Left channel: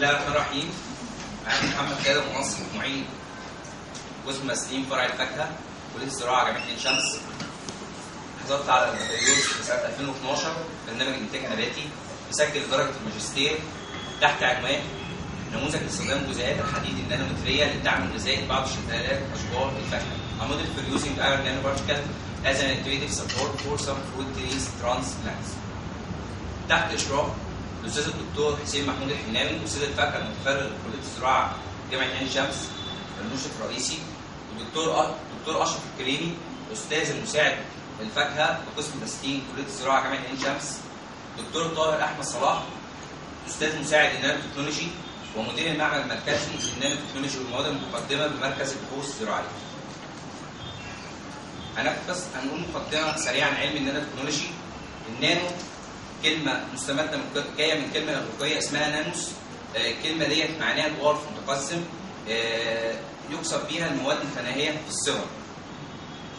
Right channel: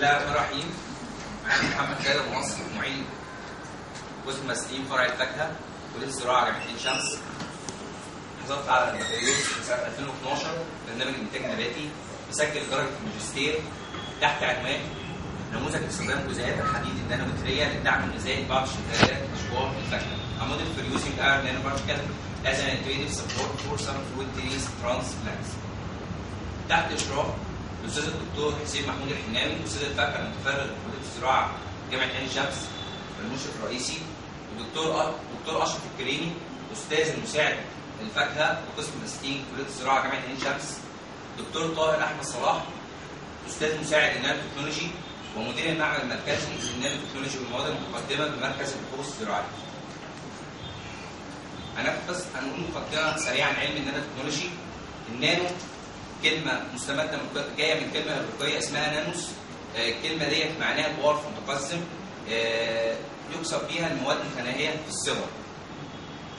الله الرحمن الرحيم. أنا محمد خالد منصف، معيد قسم مسلين فرع الفاكهة كلية الزراعة جامعة عين شمس. حصلت على البكالوريوس في سنة 2012 برنامج إنتاج نباتي، مسجل درجة الماجستير تحت عنوان نموذج لاستخدام جزيئات الحديد النانومترية للدعم الغذائي لبعض الشتلات أشجار الفاكهة. A model for using iron nanoparticle as an intuitive support for some fruit trees transplants. تحت إشراف الأستاذ الدكتور حسين محمود الحناوي، أستاذ الفاكهة المتفرغ لكلية الزراعة جامعة عين شمس المشرف الرئيسي، والدكتور أشرف الكريمي أستاذ المساعد الفاكهة بقسم مسكين كلية الزراعة جامعة عين شمس، دكتور طاهر أحمد صلاح أستاذ مساعد النانو تكنولوجي ومدير المعمل المركزي للنانو تكنولوجي والمواد المقدمة بمركز البحوث الزراعية. هنقول مقدمة سريعة عن علم النانو تكنولوجي. النانو كلمة مستمدة جاية من كلمة أفريقية اسمها نانوس. الكلمة ديت معناها دورف متقسم يقصد بيها المواد المتناهية في الصغر.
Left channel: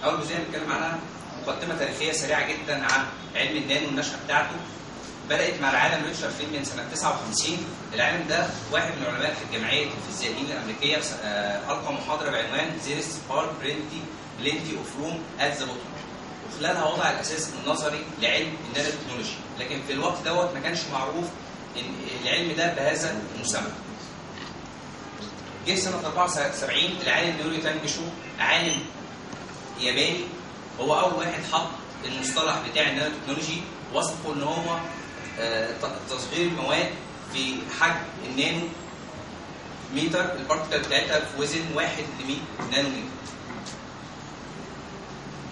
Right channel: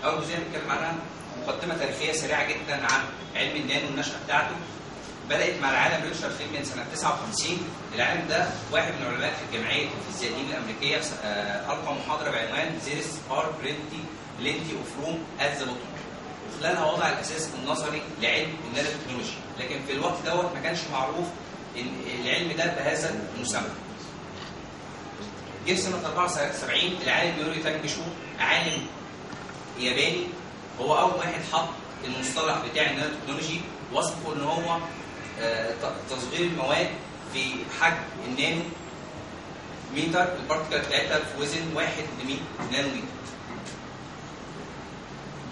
أول جزئية بنتكلم عنها مقدمة تاريخية سريعة جدا عن علم النانو والنشأة بتاعته. بدأت مع العالم ريتشارد فيلمن سنة 59. العالم ده واحد من العلماء في الجمعية الفيزيائيين الأمريكية ألقى محاضرة بعنوان There is far plenty of room at the bottom، وخلالها وضع الأساس النظري لعلم النانو تكنولوجي، لكن في الوقت دوت ما كانش معروف إن العلم ده بهذا المسمى. جه سنة 74 العالم يوري تانجشو، عالم ياباني، هو أول واحد حط المصطلح بتاع النانو تكنولوجي، وصفه إن هو تصغير المواد في حجم النانو متر، البارتكل بتاعتها في وزن 1 ل 100 نانو متر.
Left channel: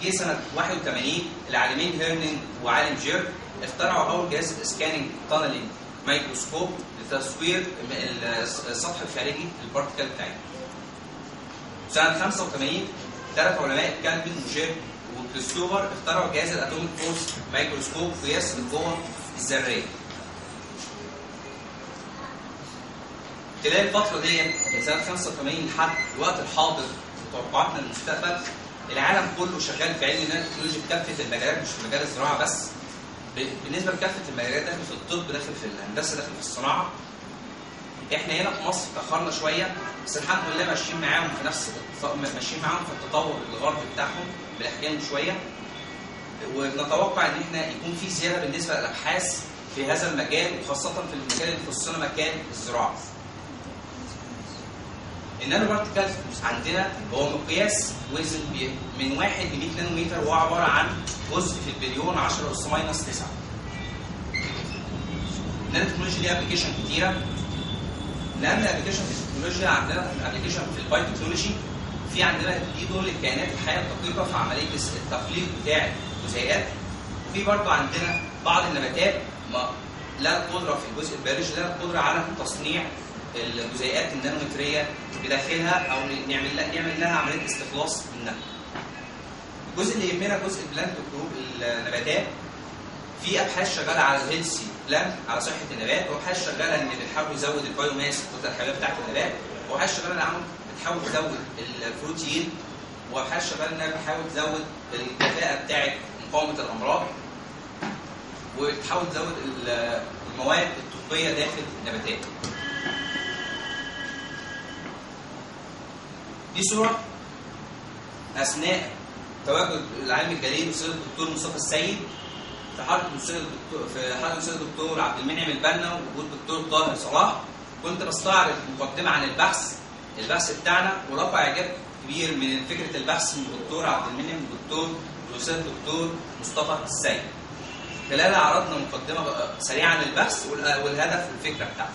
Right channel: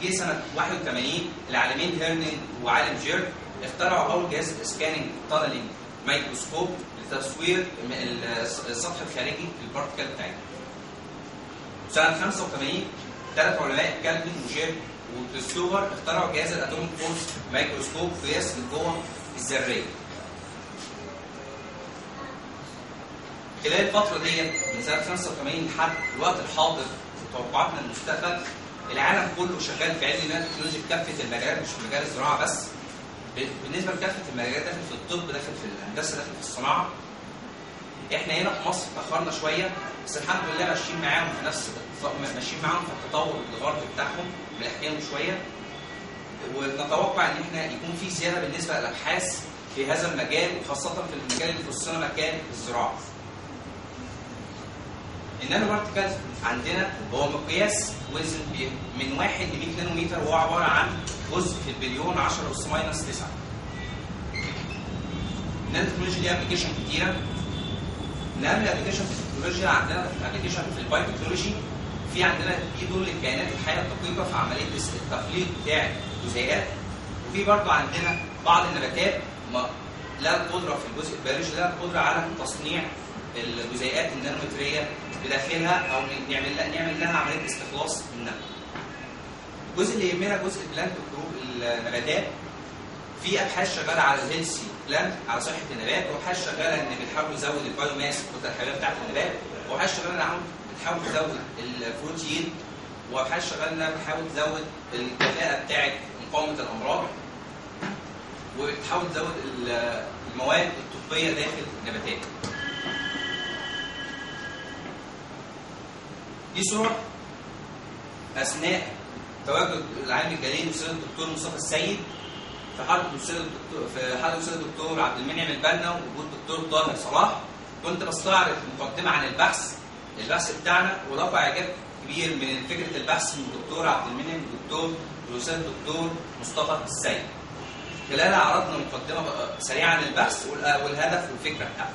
جه سنة 81 العالمين هيرنينج وعالم جيرد اخترعوا أول جهاز سكاننج تانلينج مايكروسكوب لتصوير السطح الخارجي للبارتكل بتاعتها. سنة 85 ثلاث علماء كالفين وشير وكريستوفر اخترعوا جهاز الاتوميك فورس مايكروسكوب قياس القوة الذرية. خلال الفترة ديت من سنة 85 لحد الوقت الحاضر وتوقعاتنا للمستقبل، العالم كله شغال في علم النانو تكنولوجي بكافة المجالات، مش في مجال الزراعة بس. بالنسبة لكافة المجالات، داخل في الطب، داخل في الهندسة، داخل في الصناعة. احنا هنا في مصر تأخرنا شوية، بس الحمد لله ماشيين معاهم في ماشيين معاهم في التطور الغربي بتاعهم، بنحكيهم شوية. ونتوقع ان احنا يكون في زيادة بالنسبة للأبحاث في هذا المجال، وخاصة في المجال اللي يخصنا مكان الزراعة. النانو بارتكلز عندنا هو مقياس وزن من 1 ل 100 نانو متر، وهو عباره عن جزء في البليون 10 أس ماينس 9. النانو تكنولوجيا ليها ابلكيشن كتيره. من اهم الابلكيشن في التكنولوجيا عندنا ابلكيشن في البايو تكنولوجي. في عندنا في دور للكائنات الحيه الدقيقه في عمليه التخليق بتاع الجزيئات. وفي برضه عندنا بعض النباتات لها القدره في الجزء البيولوجي، لها القدره على تصنيع الجزيئات النانومتريه بداخلها، او نعمل لها عمليه استخلاص منها. الجزء اللي يهمنا جزء البلانت جروب النباتات. في ابحاث شغاله على الهيلثي بلانت، على صحه النبات، وابحاث شغاله ان بتحاول تزود البايو ماس، الكتله الحيويه بتاعت النبات، وابحاث شغاله ان بتحاول تزود البروتين، وابحاث شغاله انها بتحاول تزود الكفاءه بتاعت مقاومه الامراض، وبتحاول تزود المواد الطبيه داخل النباتات. دي صورة أثناء تواجد العالم الجليل الأستاذ الدكتور مصطفى السيد في حالة الأستاذ الدكتور عبد المنعم البنا ووجود الدكتور طاهر صلاح. كنت بستعرض مقدمة عن البحث بتاعنا، ورفع إعجاب كبير من فكرة البحث من الدكتور عبد المنعم والأستاذ الدكتور مصطفى السيد. خلالها عرضنا مقدمة سريعة عن البحث والهدف والفكرة بتاعته.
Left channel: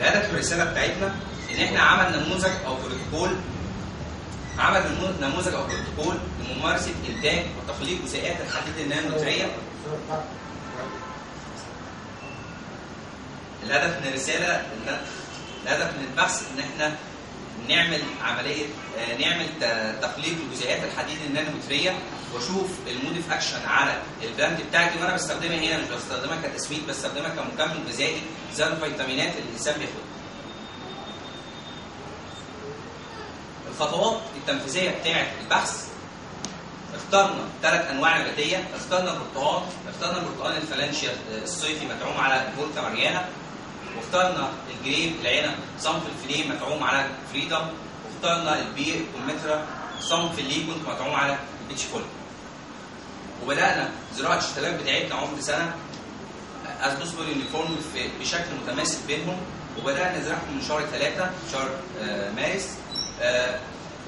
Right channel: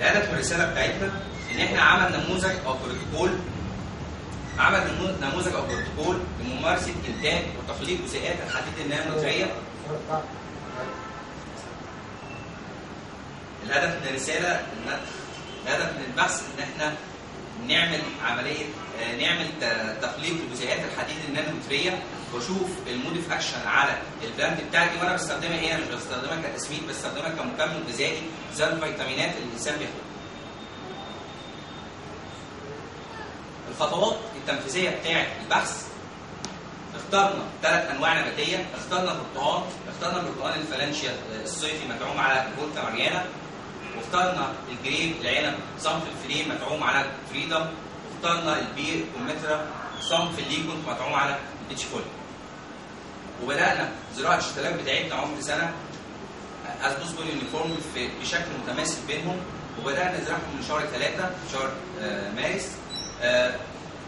الهدف من الرساله بتاعتنا ان احنا عمل نموذج او بروتوكول لممارسه انتاج وتخليق جزيئات الحديد النانومتريه. الهدف من الرساله الهدف من البحث ان احنا نعمل عمليه نعمل تخليق لجزيئات الحديد النانومتريه، واشوف الموديف اكشن على البراند بتاعتي، وانا بستخدمها هنا مش بستخدمها كتسميد، بستخدمها كمكمل غذائي زي الفيتامينات اللي الانسان بياخدها. الخطوات التنفيذيه بتاعه البحث: اخترنا 3 انواع نباتيه، اخترنا البرتقال الفلانشيا الصيفي مدعوم على فولكا ماريانا، واخترنا الجريب العنب صنف الفيليه مدعوم على فريدم، واخترنا البير كومترا صنف الليجون مدعوم على بيتش فول. وبدانا زراعه الشتلات بتاعتنا عمر سنه اسبوسبور يونيفورم بشكل متماسك بينهم، وبدانا نزرعهم من شهر 3 شهر مارس.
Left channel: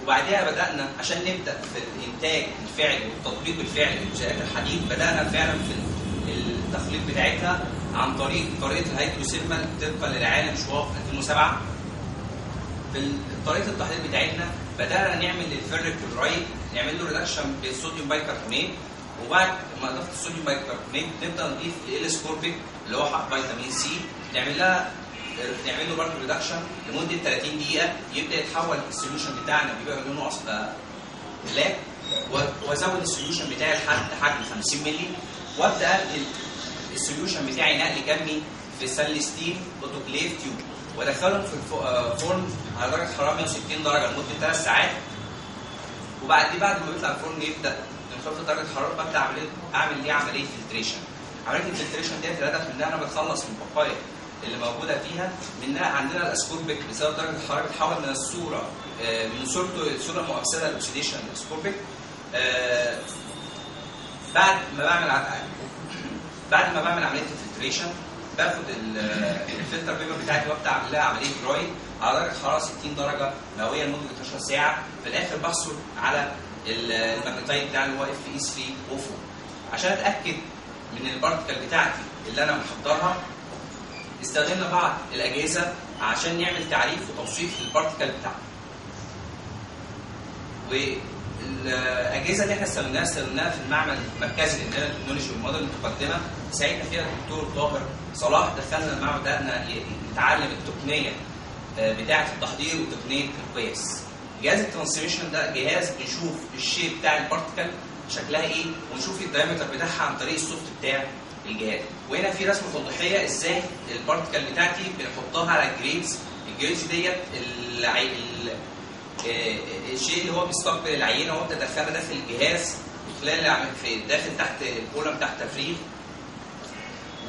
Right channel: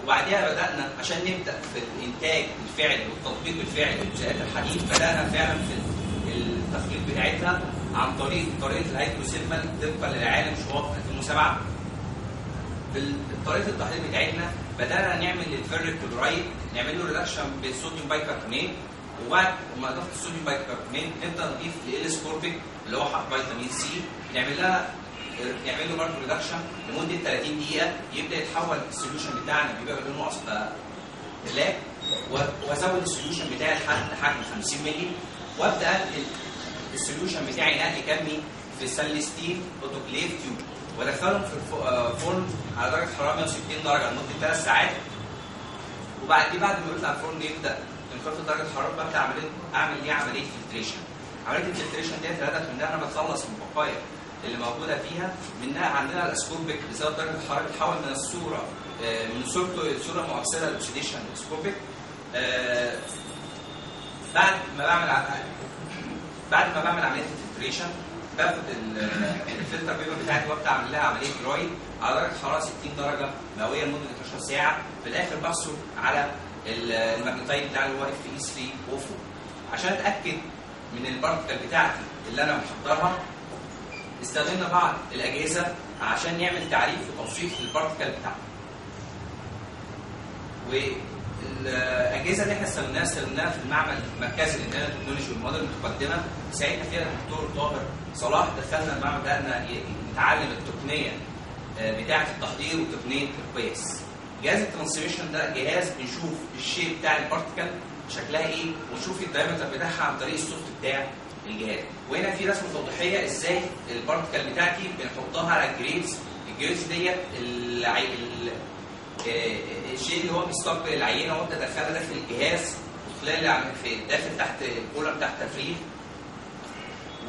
وبعدها بدانا عشان نبدا في الانتاج الفعلي والتطبيق الفعلي لجزيئات الحديد، بدانا فعلا في التخليق بتاعتها عن طريقه الهيدروسيلفال طبقا للعالم شواف 2007. طريقه التحضير بتاعتنا بدانا نعمل للفيريك كلورايد نعمل له ريدكشن بالصوديوم بايكربونات، وبعد ما اضفت الصوديوم بايكربونات نبدا نضيف الاسكوربيك اللي هو حق فيتامين سي، نعمل له برضه ريدكشن لمده 30 دقيقه، يبدا يتحول السوليوشن بتاعنا بيبقى لونه اصفر بلاك، وازود السوليوشن بتاعي لحد حجم 50 مللي، وابدا انقل السوليوشن بتاعي نقل كمي في سلستين اوتوكليف تيوب، وادخلهم في فرن على درجه حراره 160 درجه لمده 3 ساعات. بعد ما يطلع الفرن يبدا ينخفض درجه الحراره، ببدا اعمل عمليه فلتريشن. عمليه الفلتريشن ديت الهدف منها انا بتخلص من البقايا اللي موجوده فيها. منها عندنا الاسكوربيك بسبب درجه الحراره بتتحول من الصوره من صورته صوره مؤثره للاكسيديشن الاسكوربيك. بعد ما بعمل عمليه الفلتريشن باخد الفلتر بيبر بتاعتي وابدا اعمل لها عمليه دراي على درجه حراره 60 درجه مئويه لمده 12 ساعه. في الاخر بحصل على الماجنتايد بتاعي اللي هو اف اي 3 او 4 عشان اتاكد من البارتكل بتاعتي اللي انا محضرها. استخدمنا بعض الاجهزه عشان نعمل تعريف وتوصيف للبارتكل بتاعنا. والاجهزه اللي احنا استخدمناها في المعمل المركزي للانتاج التكنولوجي والمواد المتقدمه ساعدنا فيها الدكتور طاهر صلاح. دخلنا المعمل بدانا نتعلم التقنيه بتاعه التحضير وتقنيه القياس. جهاز الترانسميشن ده جهاز بنشوف الشيء بتاع البارتكل شكلها ايه، ونشوف الدايمتر بتاعها عن طريق السوفت بتاع الجهاز. وهنا في رسمه توضيحيه ازاي البارتكل بتاعتي بنحطها على الجريدز ديت الشيء اللي هو بيستقبل العينه وابدا ادخلها داخل الجهاز، وخلال داخل تحت الكولم تحت تفريغ،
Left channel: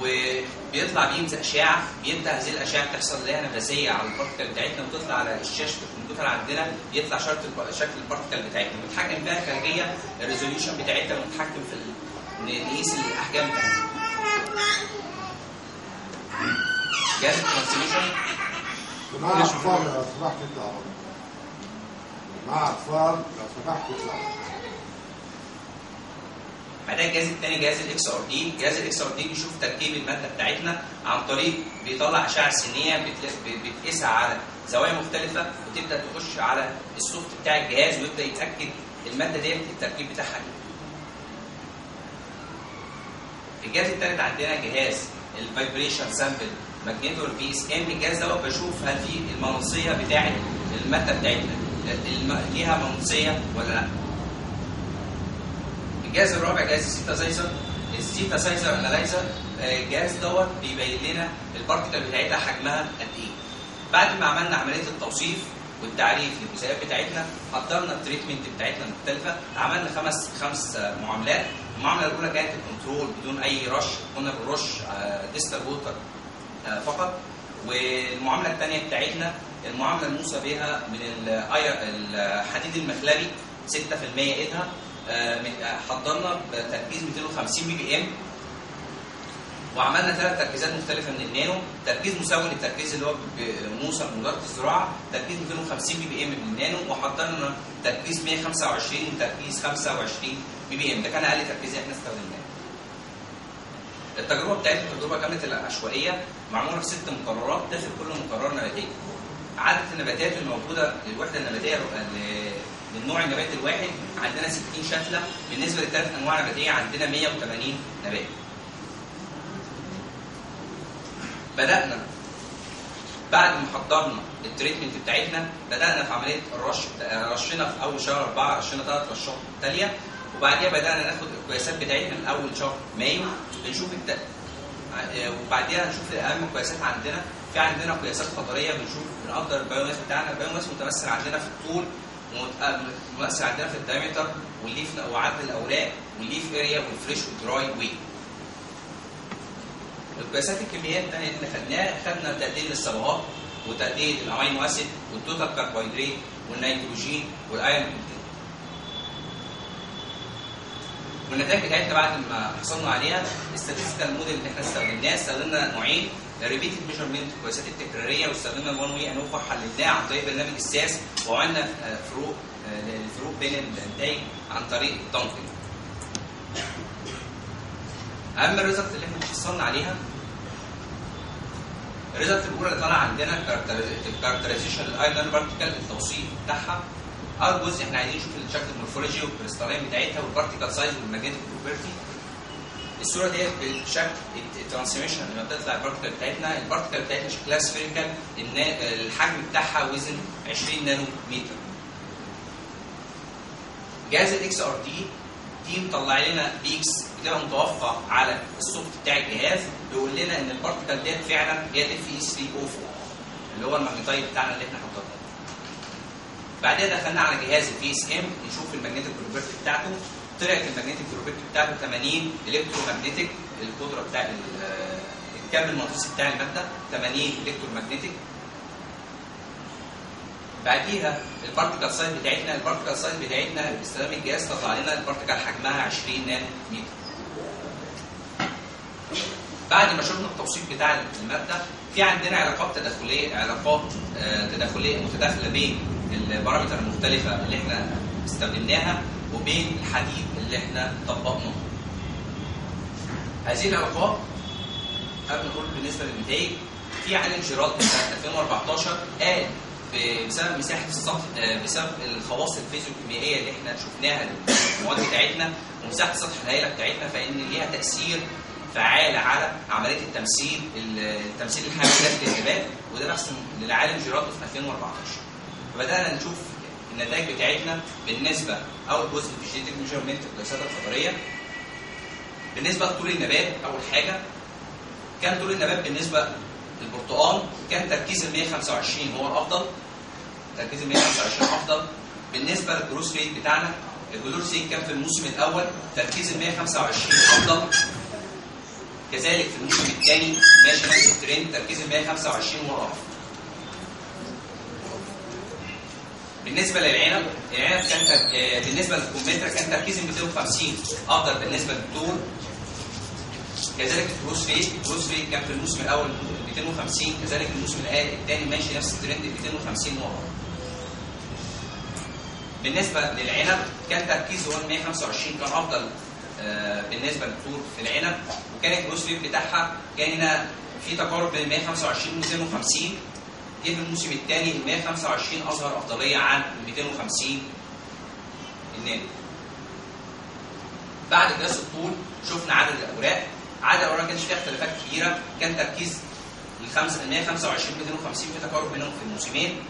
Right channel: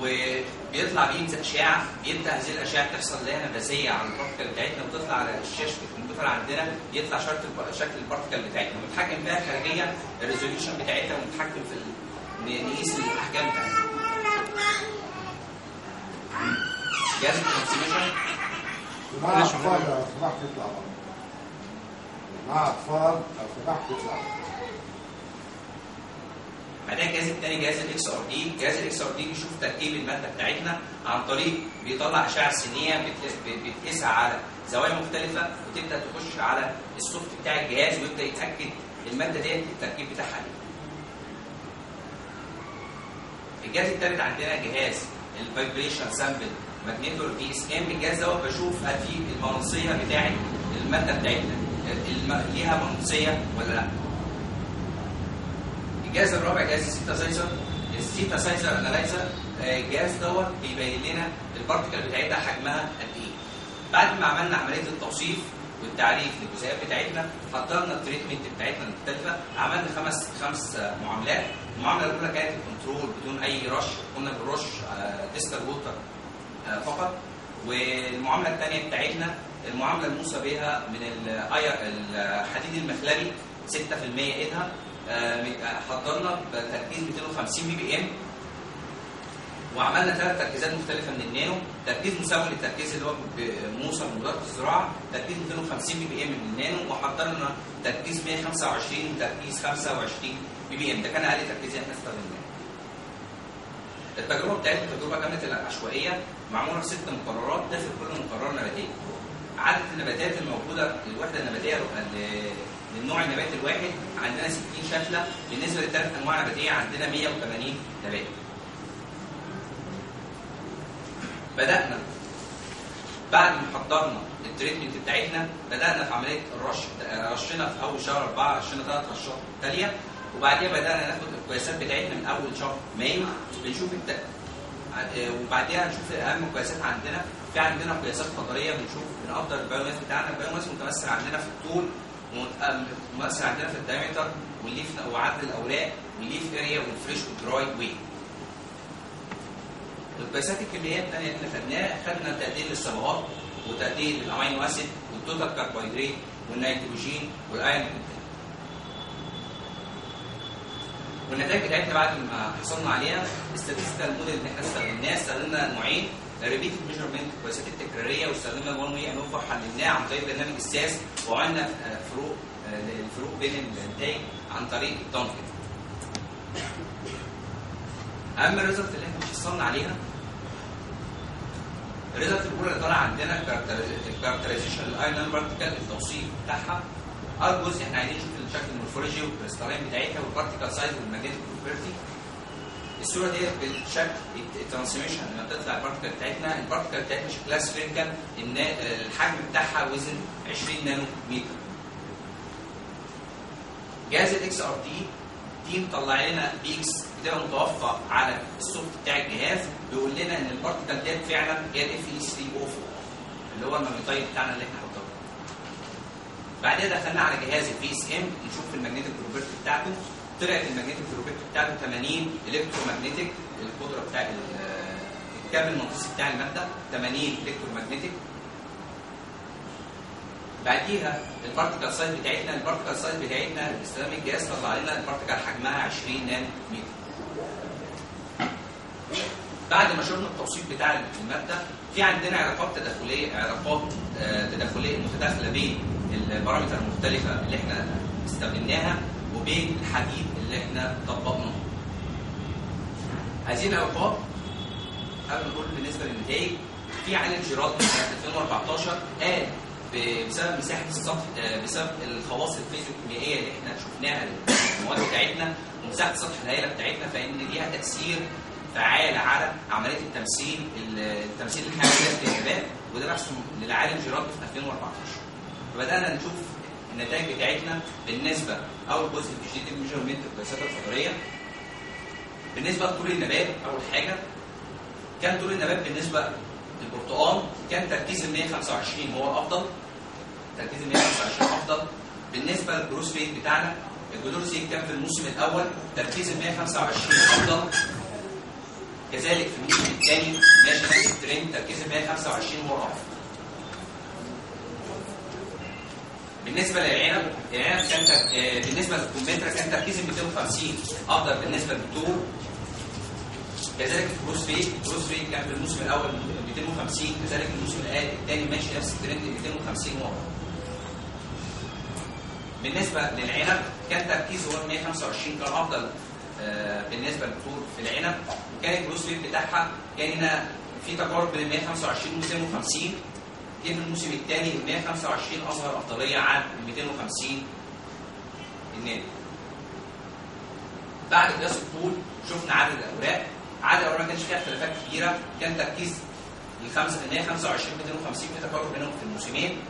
وبيطلع بينزل اشعه. بيبدا هذه الاشعه تحصل لها نفاذيه على البارتكل بتاعتنا وتطلع على شاشه الكمبيوتر عندنا، يطلع شكل البارتكل بتاعتنا، ونتحكم فيها خارجيا الريزوليوشن بتاعتها، ونتحكم في نقيس الاحجام بتاعتها. جهاز الترانسميشن مع اطفال لو سمحت تطلع مع اطفال لو سمحت تطلع. بعدين الجهاز الثاني جهاز الاكس ار دي. جهاز الاكس ار دي بيشوف تركيب الماده بتاعتنا عن طريق بيطلع اشعه سينيه بتقيسها على زوايا مختلفه، وتبدا تخش على السوفت بتاع الجهاز ويبدا يتاكد الماده ديت التركيب بتاعها ايه. الجهاز الثالث عندنا جهاز الفايبريشن سامبل ماجنيتور في اس ام. الجهاز دوت بشوف هل في المغناطيسيه بتاعت الماده بتاعتنا ليها مغناطيسيه ولا لا. الجهاز الرابع جهاز السينثسايزر انالايزر. الجهاز دوت بيبين لنا البارتكل بتاعتها حجمها قد ايه. بعد ما عملنا عمليه التوصيف والتعريف للجزيئات بتاعتنا، حضرنا التريتمنت بتاعتنا المختلفه. عملنا خمس معاملات. المعامله الاولى كانت الكنترول بدون اي رش، كنا بنرش ديستر ووتر فقط. والمعامله الثانيه بتاعتنا المعامله الموصى بها من الحديد المخلبي 6% ايدها. حضرنا بتركيز 250 بي بي ام، وعملنا 3 تركيزات مختلفه من النانو. تركيز مساوي للتركيز اللي هو موصى من وزاره الزراعه، تركيز 250 بي بي ام من النانو، وحضرنا تركيز 125 وتركيز 25 بي بي ام. ده كان اقل تركيز احنا استخدمناه. التجربه بتاعتنا التجربه كانت العشوائيه، معموله في 6 مقررات داخل كل مقرر نباتيه. عدد النباتات الموجوده للوحده النباتيه للنوع النباتي الواحد عندنا 60 شتله. بالنسبه ل3 انواع نباتيه عندنا 180 نبات. بعد ما حضرنا التريتمنت بتاعتنا بدانا في عمليه الرش. رشينا في اول شهر 4 رشينا 3 رشات تاليه، وبعديها بدانا ناخد القياسات بتاعتنا من اول شهر مايو بنشوف وبعديها نشوف اهم القياسات عندنا. في عندنا قياسات قدريه بنشوف بنقدر البايوماس بتاعنا. البايوماس متمثل عندنا في الطول، ومتمثل عندنا في الدايمتر والليف وعدد الاوراق والليف اريا والفريش والدراي ويت. القياسات الكميات اللي احنا خدنا تقدير الصبغات وتقدير الامينو اسيد والتوتال كربوهيدرات والنيتروجين والايرون. والنتائج بتاعتنا بعد ما حصلنا عليها الستاتستيكال موديل اللي احنا استخدمنا نوعين، ريبيتد ميجرمنت القياسات التكراريه، واستخدمنا الوان واي ان اوفر حللناها عن طريق برنامج الساس، وعملنا الفروق بين النتائج عن طريق التنقيط. اهم الريزلت اللي احنا حصلنا عليها، الريزلت الاولى اللي طالعه عندنا الكاركترايزيشن للايرون بارتيكل، التوصيف بتاعها. اول جزء احنا عايزين نشوف الشكل المورفولوجي والكريستالين بتاعتها والبارتيكل سايز والماجنتيك بروبرتي. الصوره ديت بالشكل الترانسميشن لما بتطلع البارتيكل بتاعتنا، البارتيكل بتاعتنا شكلها سفيريكال، الحجم بتاعها وزن 20 نانو متر. جهاز الاكس ار دي مطلع لنا بيكس بتبقى متوفر على السوفت بتاع الجهاز، بيقول لنا ان البارتيكل ديت فعلا هي اف اي 304 اللي هو الماجنتايد بتاعنا اللي احنا حطيناه. بعدين دخلنا على جهاز البي اس ام نشوف الماجنتيك بروبرتي بتاعته. طلعت الماجنتيك بروبرتي بتاعته 80 الكترومagnetic، القدره بتاع الكابل المغناطيسي بتاع الماده 80 الكترومagnetic. بعديها البارتيكل سايز بتاعتنا باستخدام الجهاز طلع لنا البارتيكل حجمها 20 نانو متر. بعد ما شفنا التوصيف بتاع الماده، في عندنا علاقات تداخليه متداخله بين البارامتر المختلفه اللي احنا استخدمناها وبين الحديد اللي احنا طبقناه. هذه العلاقات قبل ما نقول بالنسبه للنتائج، في عالم جيرالدي سنه 2014 قال بسبب مساحه السطح، بسبب الخواص الفيزيوكيميائيه اللي احنا شفناها للمواد بتاعتنا ومساحه السطح الهائله بتاعتنا، فان ليها تاثير فعال على عمليه التمثيل الحيوي ذات الانتباه، وده بحث للعالم جيرالدي في 2014. فبدانا نشوف النتائج بتاعتنا بالنسبه اول جزء في الجينيتك ميجرمنت والقياسات القدريه. بالنسبه لطول النبات، اول حاجه كان طول النبات بالنسبه للبرتقال كان تركيز ال 125 هو الافضل، تركيز ال 125 افضل. بالنسبه للجروس ريت بتاعنا، الجروس ريت كان في الموسم الاول تركيز ال 125 افضل، كذلك في الموسم الثاني ماشي نفس الترند تركيز ال 125 هو الافضل. بالنسبه للعنب كان بالنسبه للكمثرى كان تركيز ال 250 افضل بالنسبه للطول، كذلك الجروس ريت كان في الموسم الاول 250، كذلك الموسم الثاني ماشي نفس الترند 250 هو افضل. بالنسبه للعنب كان تركيزه هو 125 كان افضل بالنسبه للطول في العنب، وكان الجروس ريت بتاعها كان هنا في تقارب بين 125 و 250. جه في الموسم الثاني ال 125 اظهر افضليه عن ال 250 الناتج. بعد قياس الطول شفنا عدد الاوراق ما كانش فيها اختلافات كبيره، كان تركيز ال 125 و 250 في تقارب بينهم في الموسمين.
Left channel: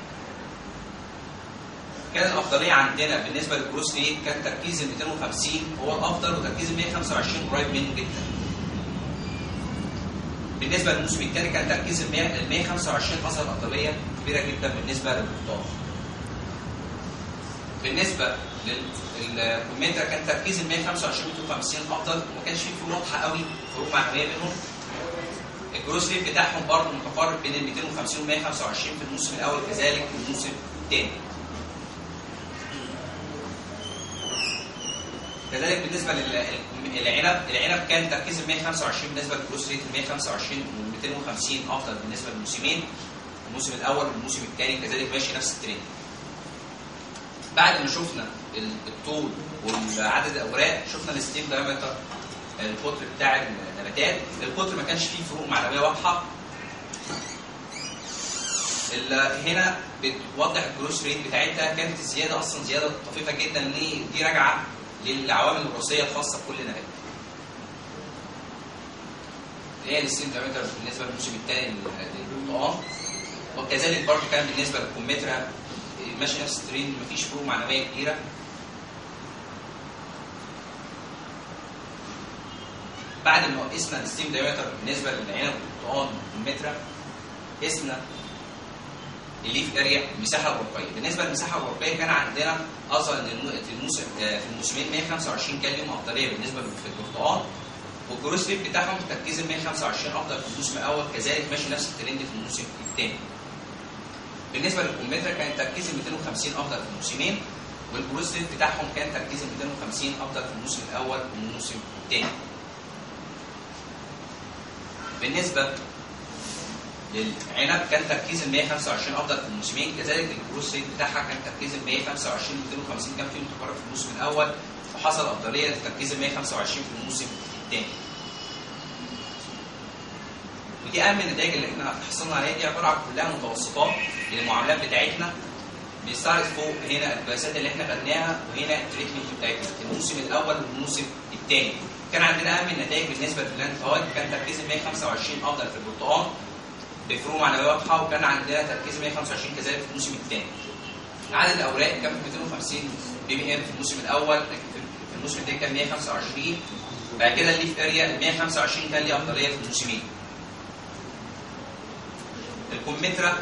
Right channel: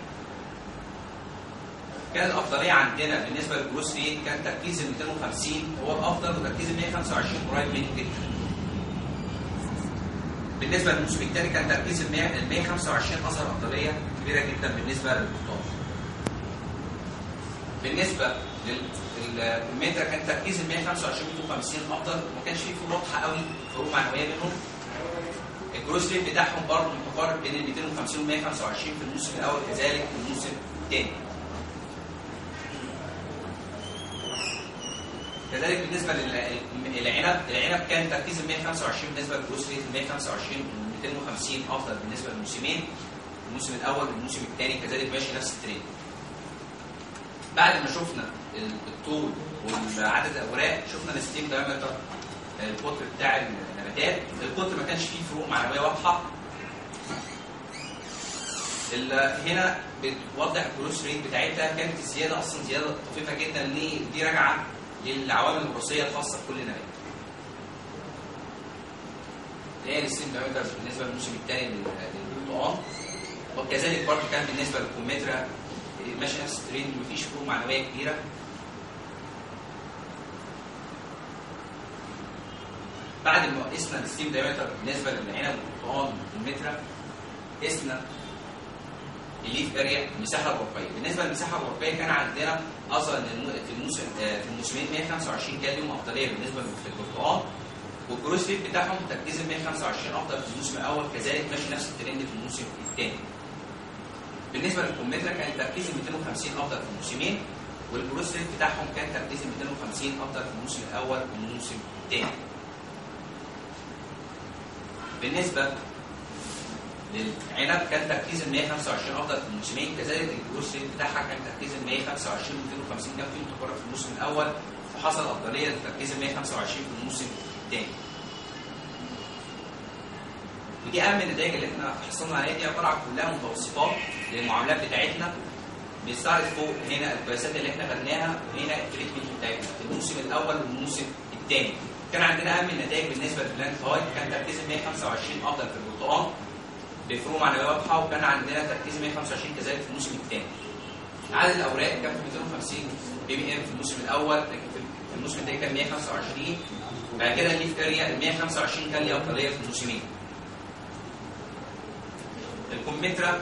كان الافضليه عندنا بالنسبه للجروس ريت كان تركيز ال 250 هو الافضل، وتركيز ال 125 قريب منه جدا. بالنسبه للموسم الثاني كان تركيز ال 125 اظهر افضليه كبيره جدا بالنسبه للبرتقال. بالنسبه للكمثرى كان تركيز ال 125 و 250 افضل، ما كانش فيه فروق واضحه قوي، فروق معنويه بينهم. الجروس ريت بتاعهم برضه متقارب بين ال 250 و 125 في الموسم الاول، كذلك في الموسم الثاني. كذلك بالنسبه العنب كان تركيز ال 125 بالنسبه للجروس ريت ال 125 و 250 افضل بالنسبه للموسمين، الموسم الاول والموسم الثاني كذلك ماشي نفس الترند. بعد ما شفنا الطول وعدد الاوراق شفنا الستيم دايمتر، القطر بتاع النباتات. القطر ما كانش فيه فروق معنويه واضحه. هنا بتوضح الجروس ريت بتاعتها كانت الزياده اصلا زياده طفيفه جدا، ان دي راجعه للعوامل الوراثيه الخاصه بكل نبات. اللي هي الستيم دايمتر بالنسبه للموسم الثاني للبرتقال. وكذلك برضه كان بالنسبه للكمثرى ماشي نفس الترند، مفيش فروق معنويه كبيره. بعد ما قسنا الستيم دايمتر بالنسبه للعنب والبرتقال والكمثرى، قسنا الليف اريا، المساحه الورقيه. بالنسبه للمساحه الورقيه كان عندنا اظهر ان في الموسمين 125 كان لهم افضليه بالنسبه في البرتقال، والجروس ريت بتاعهم تركيز ال 125 افضل في الموسم الاول، كذلك ماشي نفس الترند في الموسم الثاني. بالنسبه للكمثرى كان تركيز ال 250 افضل في الموسمين، والجروس ريت بتاعهم كان تركيز ال 250 افضل في الموسم الاول والموسم الثاني. بالنسبه للعنب كان تركيز ال 125 افضل في الموسمين، كذلك الجروس ريت بتاعها كان تركيز ال 125 ل 250 كان فيه متقارب في الموسم الاول، وحصل افضليه لتركيز ال 125 في الموسم الثاني. ودي اهم النتائج اللي احنا حصلنا عليها، دي عباره عن كلها متوسطات للمعاملات بتاعتنا. بيستعرض فوق هنا القياسات اللي احنا خدناها، وهنا التريتمنت بتاعتنا في الموسم الاول والموسم الثاني. كان عندنا اهم النتائج بالنسبه للبلانت هايت، كان تركيز 125 افضل في البرتقال بفروق معنويه واضحه، وكان عندنا تركيز 125 كذلك في الموسم الثاني. عدد الاوراق كان 250 بي بي ام في الموسم الاول، في الموسم الثاني كان 125. بعد كده الليف اريا ال 125 كان ليه افضليه في الموسمين. الكمثرى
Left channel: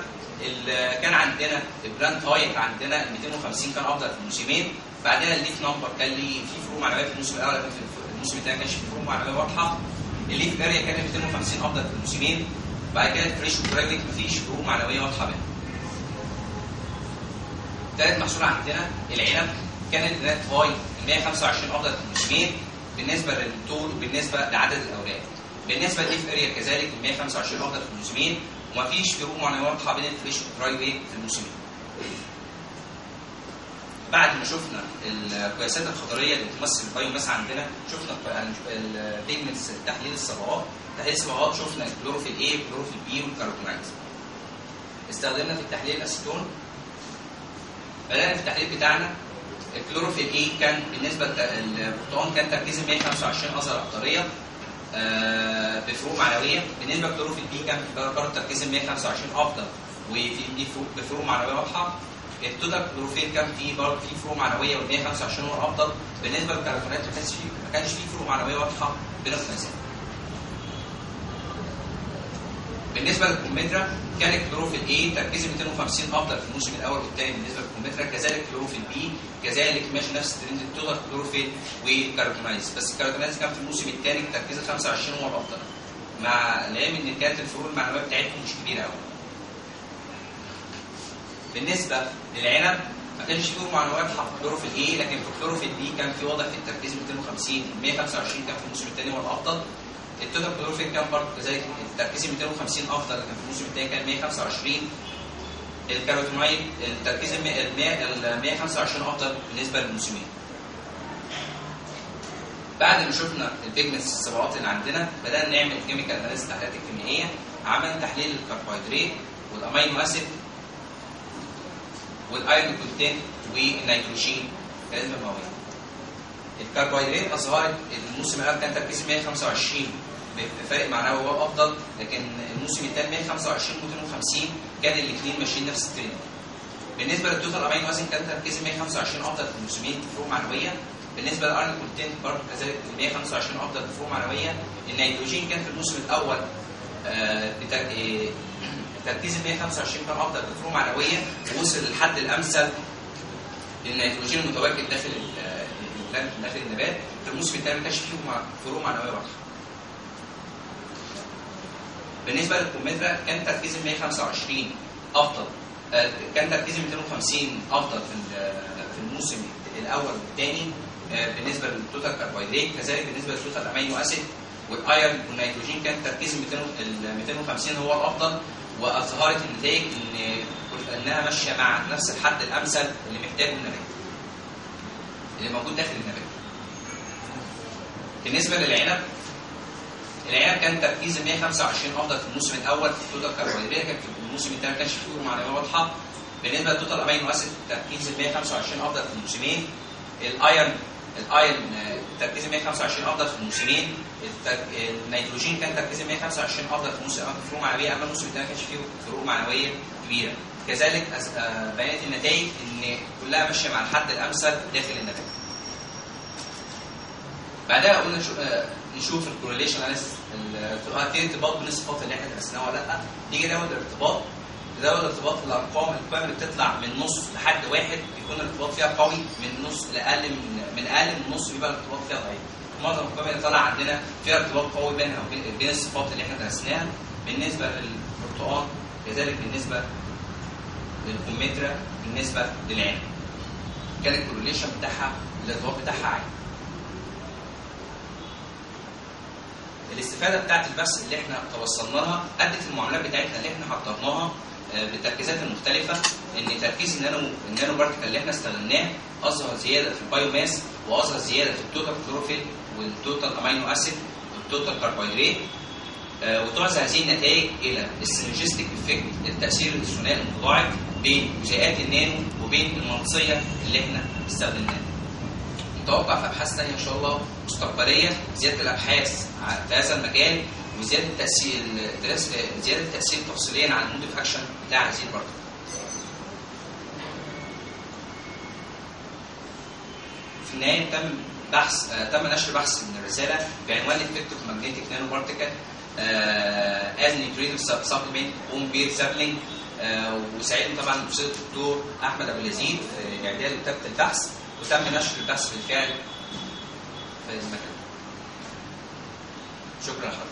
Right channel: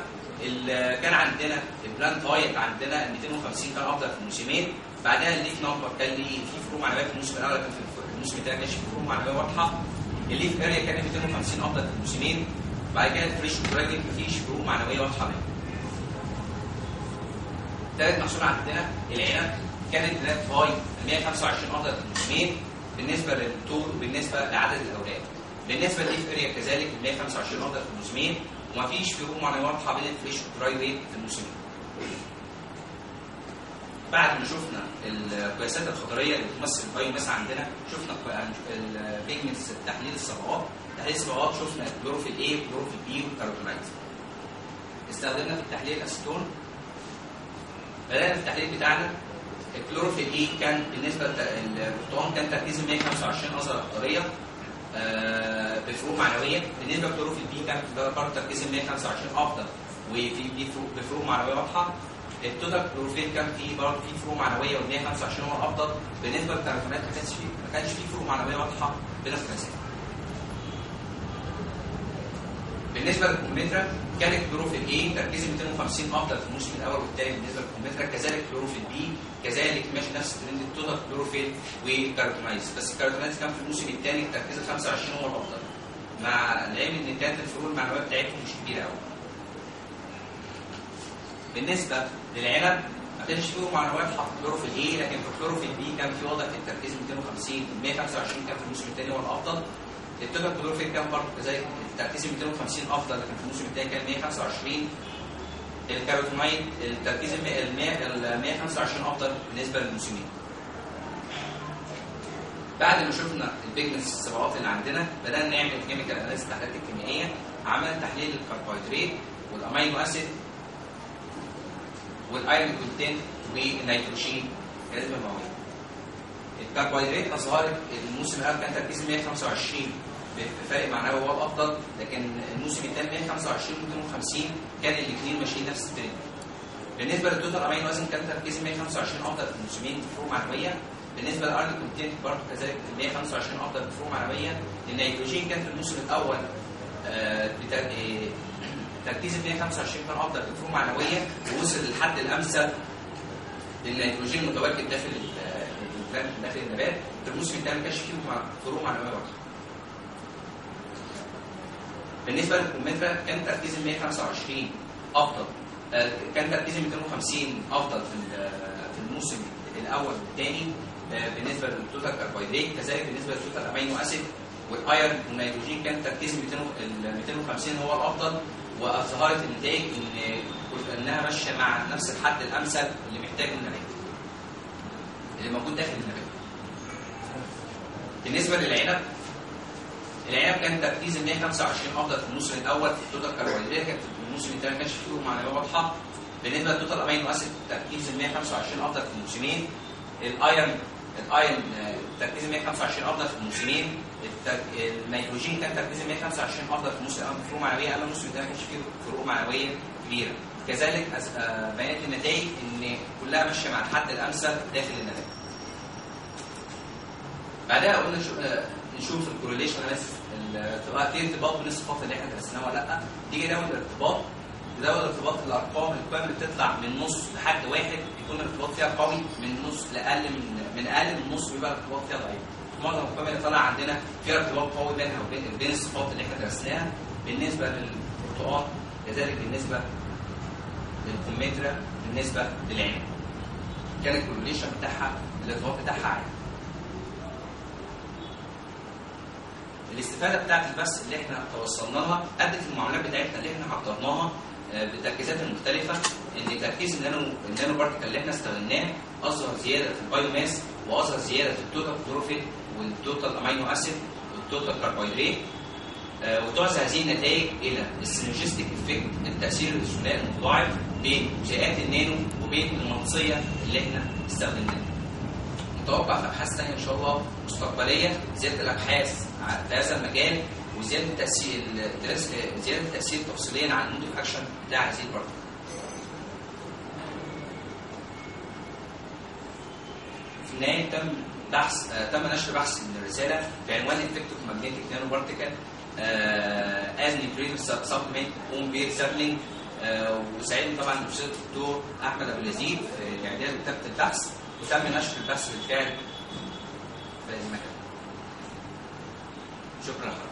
كان عندنا البلانت هايت عندنا 250 كان افضل في الموسمين، بعدها الليف نمبر كان ليه في فروق معنويه في الموسم الاول، لكن في الموسم الثاني ما كانش في فروق معنويه واضحه. الليف اريا كان 250 افضل في الموسمين، بعد كده الفريش وكراجل مفيش فروق معنويه واضحه بينهم. ثالث محصول عندنا العنب، كان البلانت هايت 125 افضل في الموسمين بالنسبه للطول وبالنسبه لعدد الاوراق. بالنسبه للليف اريا كذلك 125 افضل في الموسمين، ومفيش فروق معنويه واضحه بين الفريش والدراي ويت في الموسمين. بعد ما شفنا القياسات الخطريه اللي بتمثل البايو ماس عندنا، شفنا البيجمنتس، تحليل الصبغات. تحليل الصبغات شفنا الكلوروفيل A والكلوروفيل B والكاروتينايد. استخدمنا في التحليل الاسيتون. بدأنا في التحليل بتاعنا. الكلوروفيل A كان بالنسبه للبرتقال كان تركيز 125 اظهر افضليه بفروق معنويه. بالنسبه للكلوروفيل B كان برضه تركيز 125 افضل وفي بفروق معنويه واضحه. التوتال كلوروفيل كان فيه برضه فيه فروق معنويه وال 125 هو الافضل. بالنسبه للكاروتينايد ما كانش فيه فروق معنويه واضحه بين القياسات. بالنسبه للكمثرى كان الكلوروفيل A تركيز 250 افضل في الموسم الاول والثاني بالنسبه للكمثرى، كذلك الكلوروفيل B كذلك ماشي نفس الترند التوتال كلوروفيل والكاروتينايز، بس الكاروتينايز كان في الموسم الثاني تركيز 25 هو الافضل، مع العلم ان كانت الفروق المعنويه بتاعتهم مش كبيره قوي. بالنسبه للعنب ما كانش فيه فروق معنويه واضحه في الكلوروفيل A، لكن في الكلوروفيل B كان في وضع في التركيز 250 125 كان في الموسم الثاني هو الافضل. التوتال كلوروفيل كان برضه كذلك التركيز 250 افضل، لكن في الموسم الثاني كان 125. الكاروتينايد التركيز ال 125 افضل بالنسبه للموسمين. بعد ما شفنا البيجمنتس الصبغات اللي عندنا، بدانا نعمل كيميكال اناليسيس التحليلات الكيميائيه. عملنا تحليل الكربوهيدرات والامينو اسيد والايرون كونتنت والنيتروجين كنسبه مئويه. الكربوهيدرات اظهرت الموسم الاول كان تركيز 125 بفرق معنوي هو افضل، لكن الموسم الثاني 125 و250 كان الاثنين ماشيين نفس الترند. بالنسبه للتوتال امينو اسيد كان تركيز 125 افضل في الموسمين بفروق معنويه. بالنسبه للايرون كونتنت برضه كذلك 125 افضل بفروق معنويه. النيتروجين كان في الموسم الاول تركيز 125 كان افضل بفروق معنويه، ووصل للحد الامثل للنيتروجين المتواجد داخل النبات. في الموسم الثاني ما كانش فيه فروق معنويه واضحه. بالنسبه للكمثرى كان تركيز 125 افضل، كان تركيز 250 افضل في الموسم الاول والثاني بالنسبه للتوتال كربوهيدرات، كذلك بالنسبه للتوتال امينو اسيد والايرون والنيتروجين كان تركيز 250 هو الافضل، واظهرت النتائج انها ماشيه مع نفس الحد الامثل اللي محتاجه النبات اللي موجود داخل النبات. بالنسبه للعنب، العنب كان تركيز 125 افضل في الموسم الاول في التوتال كربوهيدرات، كان في الموسم الثاني ما كانش فيه فروق معنويه واضحه. بالنسبه للتوتال امينو اسيد تركيز 125 افضل في الموسمين. الايرون تركيز 125 افضل في الموسمين، النيتروجين كان تركيز 125 افضل في موسم فروق معنويه، اما الموسم الثاني ما كانش فيه فروق معنويه كبيره. كذلك بيانات النتائج ان كلها ماشيه مع الحد الامثل داخل النتائج. بعدها قلنا نشوف الكورليشن في ارتباط بين الصفات اللي احنا درسناها ولا لا. نيجي ناخد الارتباط، الارقام القيم اللي بتطلع من نص لحد واحد بيكون الارتباط فيها قوي، من نص لاقل من اقل من نص بيبقى الارتباط فيها ضعيف. معظم القيم اللي طالعه عندنا فيها ارتباط قوي بينها وبين الصفات اللي احنا درسناها بالنسبه للبرتقال، كذلك بالنسبه للكمثرى، بالنسبه للعنب. كان الكورليشن بتاعها الارتباط بتاعها عالي. الاستفاده بتاعت البحث اللي احنا توصلنا لها ادت المعاملات بتاعتنا اللي احنا حطيناها بالتركيزات المختلفه، ان تركيز النانو بارتيكل اللي احنا استخدمناه اظهر زياده في البايو ماس، واظهر زياده في التوتال كلوروفيل والتوتال امينو اسيد والتوتال كربوهيدرات، وتعزى هذه النتائج الى السينرجستيك افكت، التاثير الثنائي المتضاعف بين جزيئات النانو وبين المغناطيسيه اللي احنا استخدمناها. نتوقع في ابحاث ثانيه ان شاء الله مستقبليه زياده الابحاث في هذا المجال، وزياده التاثير زياده التاثير تفصيليا عن المود اوف اكشن بتاع هذه البارتيكل. في النهايه تم نشر بحث من الرساله بعنوان افكتيف ماجنتيك نانو بارتيكل از نيوتريتيف سبلمنت اون بير سابلينج. وسعيد طبعا الاستاذ الدكتور احمد ابو اليزيد في اعداد كتابه البحث، وتم نشر البحث بالفعل في المكان. شكرا لحضرتك.